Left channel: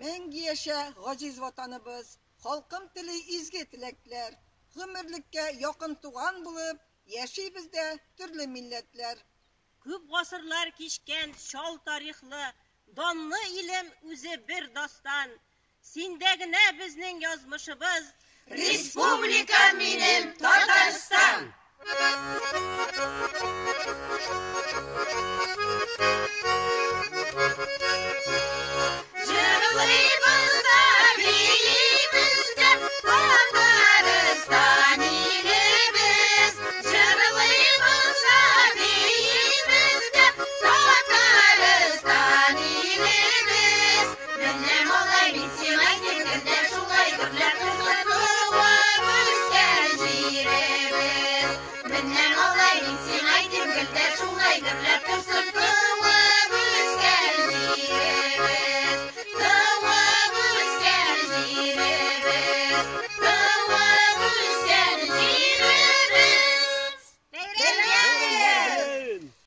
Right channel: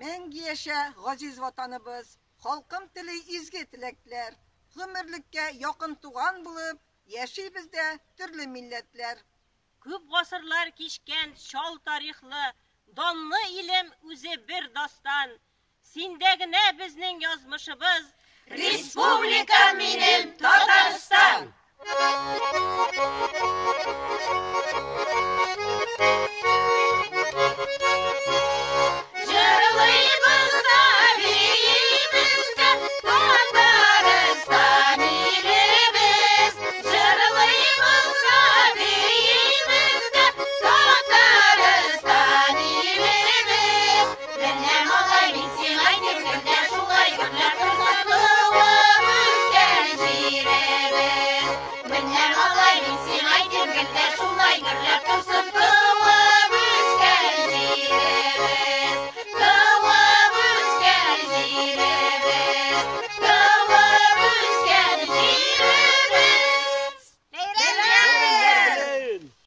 Мәңгі yaşa gaziz vatanыбыз, halkım tili izgi tilekler, gümürlükке yakın tuğan bulup, yaşayız da türlü milletler. Көп ғасырлар кешкен шал тарихлы, данлы илем үзе бір дастан. Синдегіне біздің язмышыбыз Республика минем Татарстан.